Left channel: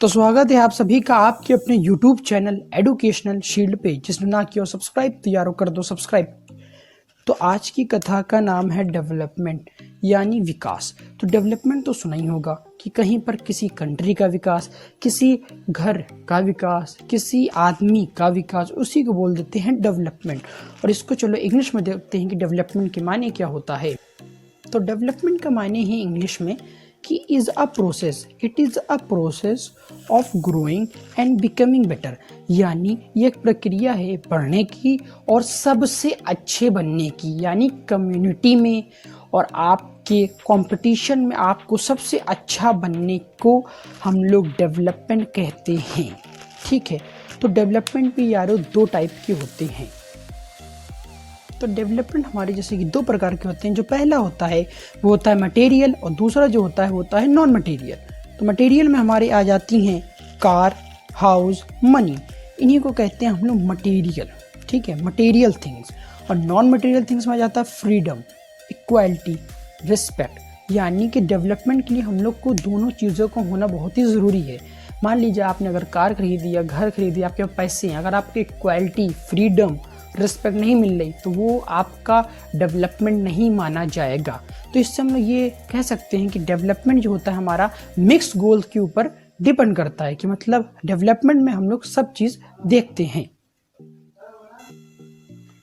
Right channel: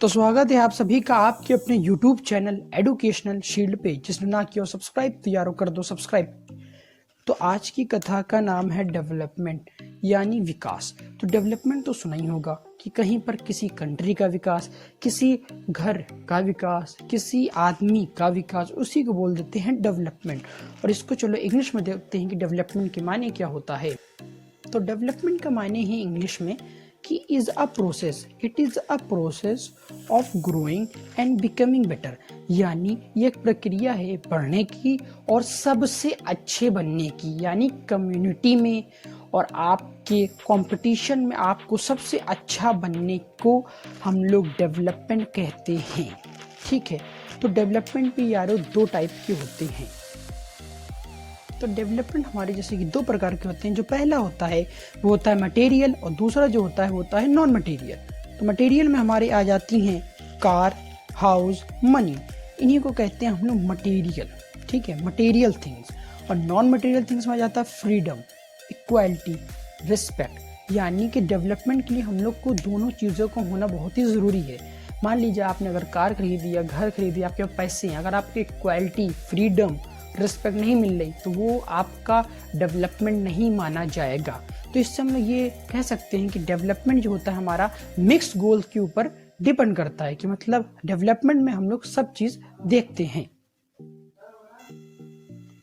तो स्वागत है आप सभी का आपके अपने YouTube चैनल एडुकेशनल शील्ड पे, जिसने ना किया सब्सक्राइब तो यारो कर दो सब्सक्राइब। तो आज की कथा का नाम है डेवलपमेंट यानी विकास। तो डेवलपमेंट तो सुना ही होगा कि कहीं पर किसी कंट्री का विकास, किसी घर का विकास, किसी आदमी का विकास, उसी को बोल देते हैं डेवलपमेंट। और इसको चलो इंग्लिश में देखते हैं कि डेवलपमेंट के मायने क्या होता है। तो डेवलपमेंट का मायने है इंग्लिश में कि it is a process of growing and becoming better, यानी ये एक प्रक्रिया है बढ़ने की और सबसे अच्छे बनने की, यानी कम्युनिटी में और आपके कंपटीशन में आपको सबसे अच्छा बनने को हम लोग डेवलपमेंट कहते हैं। ठीक है, तो डेवलपमेंट भी यारो दो टाइप के होते हैं। तो डेवलपमेंट हमारे जैसे कि दो प्रकार के होते हैं। जो पहला होता है वो होता है मटेरियल, और दूसरा जो होता है वो होता है नॉन मटेरियल। तो मटेरियल में हमारे आ जाती हैं कार, हाउस, मनी, इन्हीं को कहते हैं हम लोग मटेरियल। ठीक है, मटेरियल थिंग्स। और नॉन मटेरियल थिंग्स में आ जाता है फ्रीडम, इक्वालिटी, रिस्पेक्ट। यानी कि डेवलपमेंट के लिए हम लोग को दोनों चीज़ों का होना बहुत ही ज़रूरी है। मान लीजिए आपने अगर कार खरीदी या घर खरीदी, आपके पास पैसे हैं, अगर आपकी इक्वालिटी, फ्रीडम, रिस्पेक्ट नहीं मिल रही तो वो आपका डेवलपमेंट नहीं माना जाएगा। तो इससे हम लोग ये कह सकते हैं कि डेवलपमेंट जो होता है हमारा मिक्स गोल के ऊपर डिपेंड करता है, कि मतलब डेवलपमेंट में हम लोग सब चीज़ देखते हैं।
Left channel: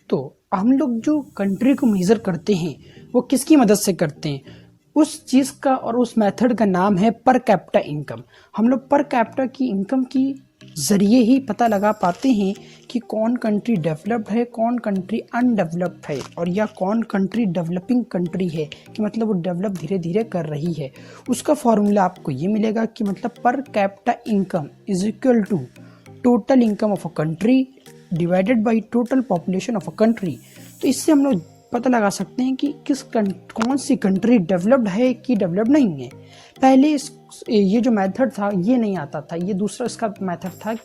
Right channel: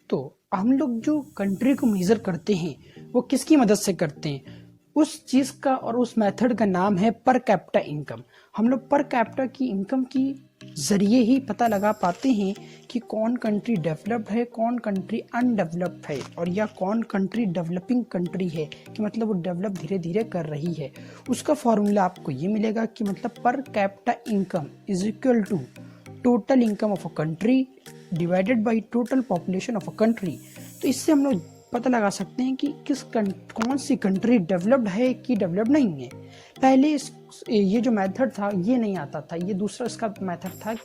तो हम लोग जो कंट्री को मेजर करते हैं वो किसकी मदद से करते हैं? उस चीज़ का और उस मेथड का नाम है पर कैपिटा इनकम। हम लोग पर कैपिटा की इनकम की ज़रिए ही पता लगा पाते हैं कि कौन कंट्री डेवलप्ड है, कौन कंट्री अनडेवलप्ड है, और या कौन कंट्री डेवलपिंग कंट्री है, कि मतलब वो डेवलप धीरे धीरे कर रही है। उसका फॉर्मूला आपको ये मिलेगा कि मतलब per capita income is equal to total income of a country divided by total population of a country. तो इससे हम लोग पता लगा सकते हैं कि कौन सी कंट्री डेवलप्ड है कि डेवलप्ड नहीं है। पहले ये जो मेथड था ये नहीं आता था, ये दूसरा इसका मेथड था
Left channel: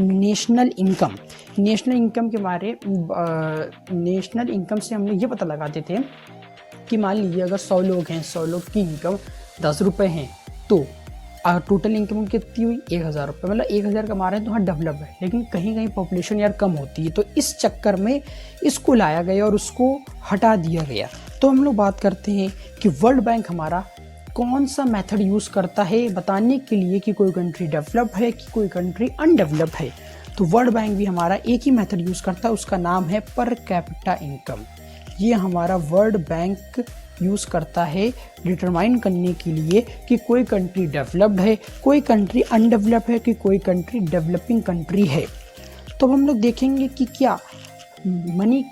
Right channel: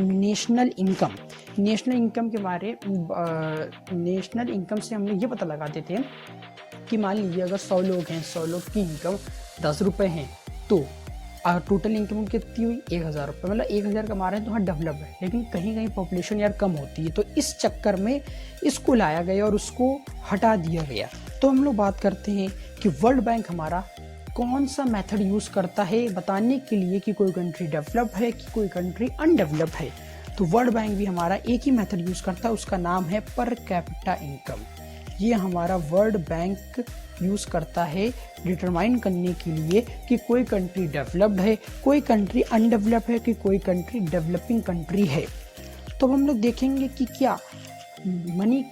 नेशनल इनकम। नेशनल इनकम के बारे नेशनल इनकम से हम लोग ये पता लगाते थे कि मान लीजिए अगर 100 लोग हैं, 100 लोग की इनकम 10 रुपये हैं, तो टोटल इनकम कितनी हुई 1000 रुपये, मतलब 1000 कमा रहे हैं तो हाँ डेवलप है। लेकिन कहीं कहीं पॉपुलेशन यार कम होती है, तो इस चक्कर में इसको लाया गया और उसको हटा दिया गया। तो हम लोग बात करते हैं कि वर्ल्ड बैंक हमारा कौन सा मेथड यूज़ करता है बताने के लिए कि कोई कंट्री डेवलप है कि कोई कंट्री अनडेवलप है। तो वर्ल्ड बैंक भी हमारा एक ही मेथड यूज़ करता है, उसका नाम है पर कैपिटा इनकम। ये हमारा वर्ल्ड बैंक यूज़ करता है डिटरमाइन करने के लिए कि कोई कंट्री डेवलप्ड है, कोई कंट्री अनडेवलप है, कि कोई कंट्री डेवलपिंग कंट्री है। तो हम लोग देखेंगे कि क्या मनी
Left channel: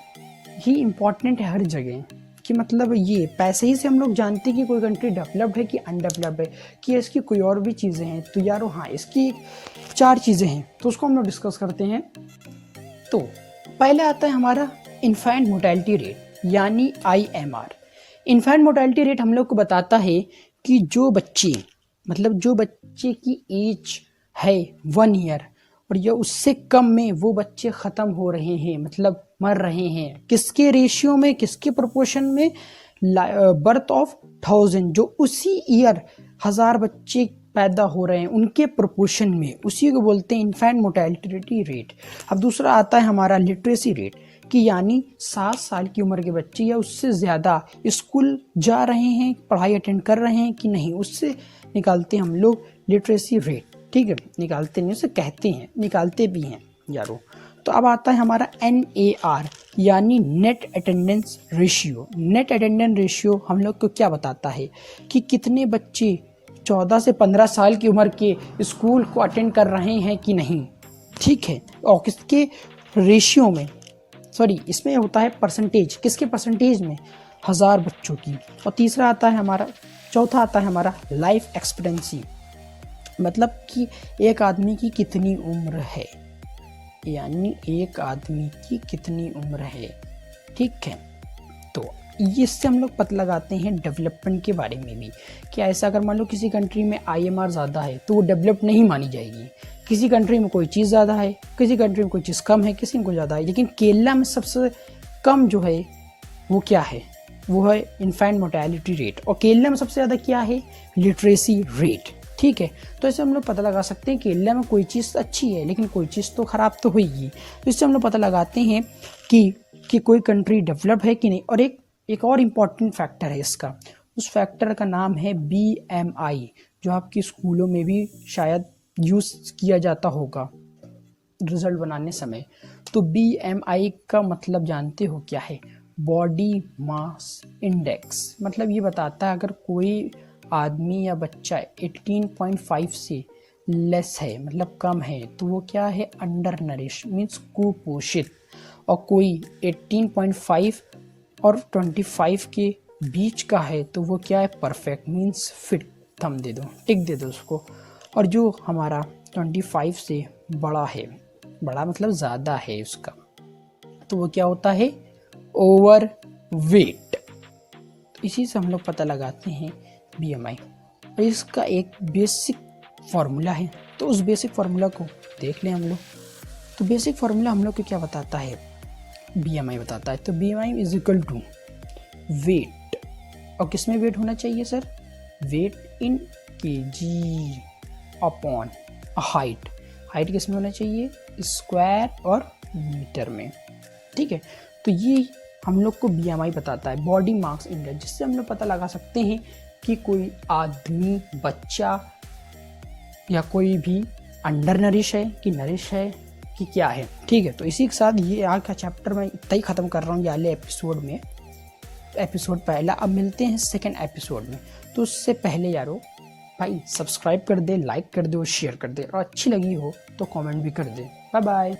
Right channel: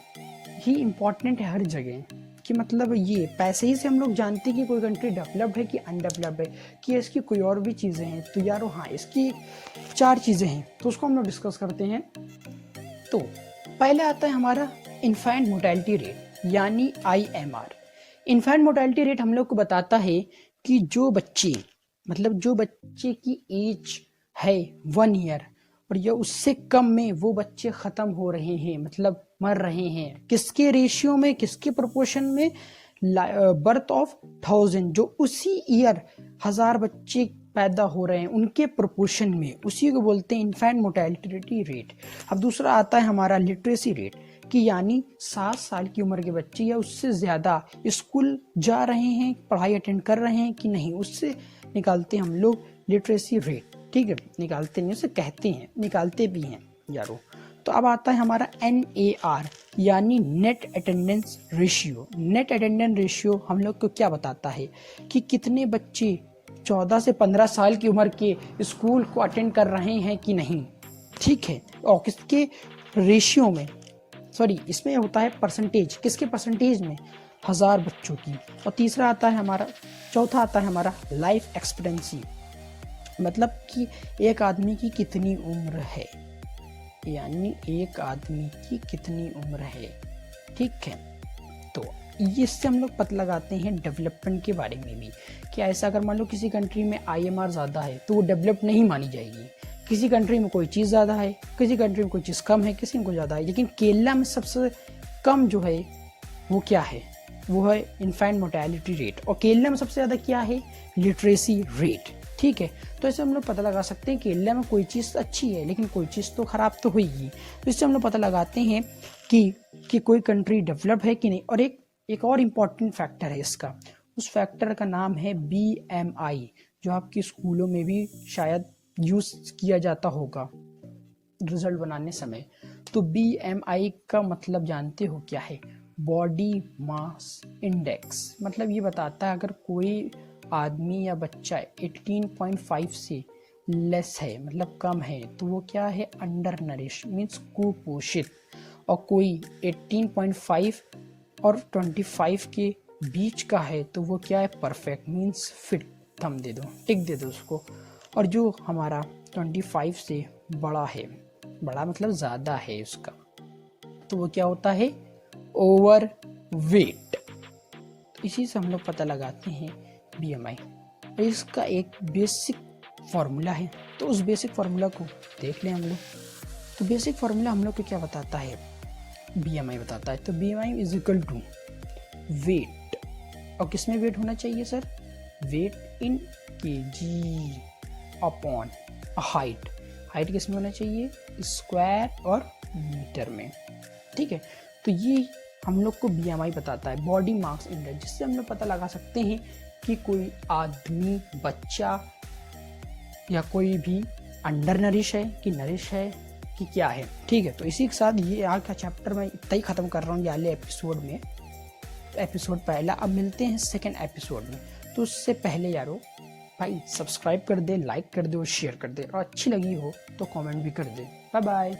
ही इम्पॉर्टेंट है हर जगह, कि मतलब ये पैसे ही से हम लोग जानते हैं कि कोई कंट्री डेवलप्ड है कि अनडेवलप्ड है, कि इसकी कोई और भी चीज़ें हैं। तो यारो हाँ, इसकी 4 चीज़ें हैं, तो उसको हम लोग डिस्कस करते हैं। तो पहले आता है हमारा इन्फेंट मोर्टेलिटी रेट यानी IMR। इन्फेंट मोर्टेलिटी रेट हम लोग को बताता है कि जो बच्चे की एज है 1 ईयर और या उससे कम में वो बच्चे ख़त्म हो रहे हैं, मतलब मर रहे हैं, किसके रेशियो में, किसके प्रोपोर्शन में? बर्थ ऑफ 1000, जो उसी ईयर 1000 बच्चे पैदा हो रहे हैं उनके प्रोपोर्शन में, उसी को बोलते हैं इन्फेंट मोर्टेलिटी रेट। अब दूसरा आता है हमारा लिटरेसी रेट, कि यानी 7 साल की उम्र के बच्चे या उससे ज़्यादा स्कूल जा रहे हैं, पढ़ाई अटेंड कर रहे हैं कि नहीं, उससे निकालते हैं हम लोग लिटरेसी रेट। ठीक है, निकालते नहीं, उसे कहते हैं, निकालते भी हैं यारो। तो अब आता है हमारा NAR यानी net attendance ratio. Net attendance ratio हम लोग को क्या बताता है कि कितने बच्चे 14 से 15 साल की उम्र के स्कूल को अटेंड कर रहे हैं कि नहीं। ठीक है, और किसके रेशियो में, सॉरी इसमें होता है परसेंटेज, किसके परसेंटेज में? 1000 बच्चों की। और तीसरा आता है हमारा, चौथा आता है हमारा लाइफ एक्सपेक्टेंसी, मतलब कि एक आदमी की कितनी उम्र है, यानी एक आदमी की कितनी उम्र है। ठीक है, तो इससे हम लोग पता लगाते हैं डेवलपमेंट के बारे में भी, कि ऐसा अगर मान लो किसी कंट्री में IMR ज़्यादा है तो वो डेवलप नहीं मानी जाएगी। किसी कंट्री में कोई चीज़ ज़्यादा है, किसी कंट्री में कोई चीज़ कम है, किसी में कोई ज़्यादा है। लेकिन केरला में सबसे कम जो है वो क्या है? वो है इन्फेंट मोर्टेलिटी रेट। और केरला में सबसे ज़्यादा क्या है? Literacy rate. ठीक है। तो इससे हम लोग पता लगा सकते हैं कि इंडिया में कोई चीज़ अच्छी है लेकिन कोई चीज़ तो ख़राब तो होगी। तो इससे हम लोग पता लगाते हैं कि कोई कंट्री डेवलप है कि नहीं। और एक और इम्पॉर्टेंट फैक्टर है इसका, उस फैक्टर का नाम है BMI, जो आपके स्कूलों में भी शायद यूज़ किया जाता होगा रिजल्ट बनाने समय। तो BMI का मतलब जानते हो क्या है? Body mass index. मतलब ये बताता है अगर कोई आदमी या बच्चा 18.5 से लेस है, मतलब कम है, तो वो क्या है? अंडर नरिश मीन्स कुपोषित। और कोई 18.5 और 25 के बीच का है तो वो क्या है? Perfect means fit. थम दे दो, टिक दे दो उसको। और जो हमारा 25 से बड़ा है, बड़ा मतलब ज़्यादा है उसका, तो वो क्या होता है? Over weight. इसी से हम लोग पता लगाते हैं BMI। और इसका एक बेसिक फॉर्मूला है, तो उस बेसिक फार्मूला को देख लें हम लोग। तो बेसिक फार्मूला हम लोग को क्या बताता है? BMI बताता है। तो BMI is equal to weight. और किसमें वेट होना चाहिए sir? Weight in kg upon height. Height किस में होना चाहिए? स्क्वायर और मीटर में। ठीक है। तो ये हम लोग को BMI बताता है, बॉडी मास इंडेक्स, जिससे हम लोग पता लगा सकते हैं कि कोई आदमी, बच्चा या कोई भी अंडर नरिश है कि नरिश है कि क्या है। ठीक है। तो इसी के साथ ये आज का चैप्टर मैं इतना ही ख़त्म कर रहा हूँ ये एपिसोड में। एपिसोड पहला, अब मिलते हैं सेकेंड एपिसोड में। तो उससे पहले यारो भाई सब्सक्राइब कर दे, लाइक कर दे और शेयर कर दे, और अच्छी लगी हो तो कमेंट भी कर दे। Bye bye.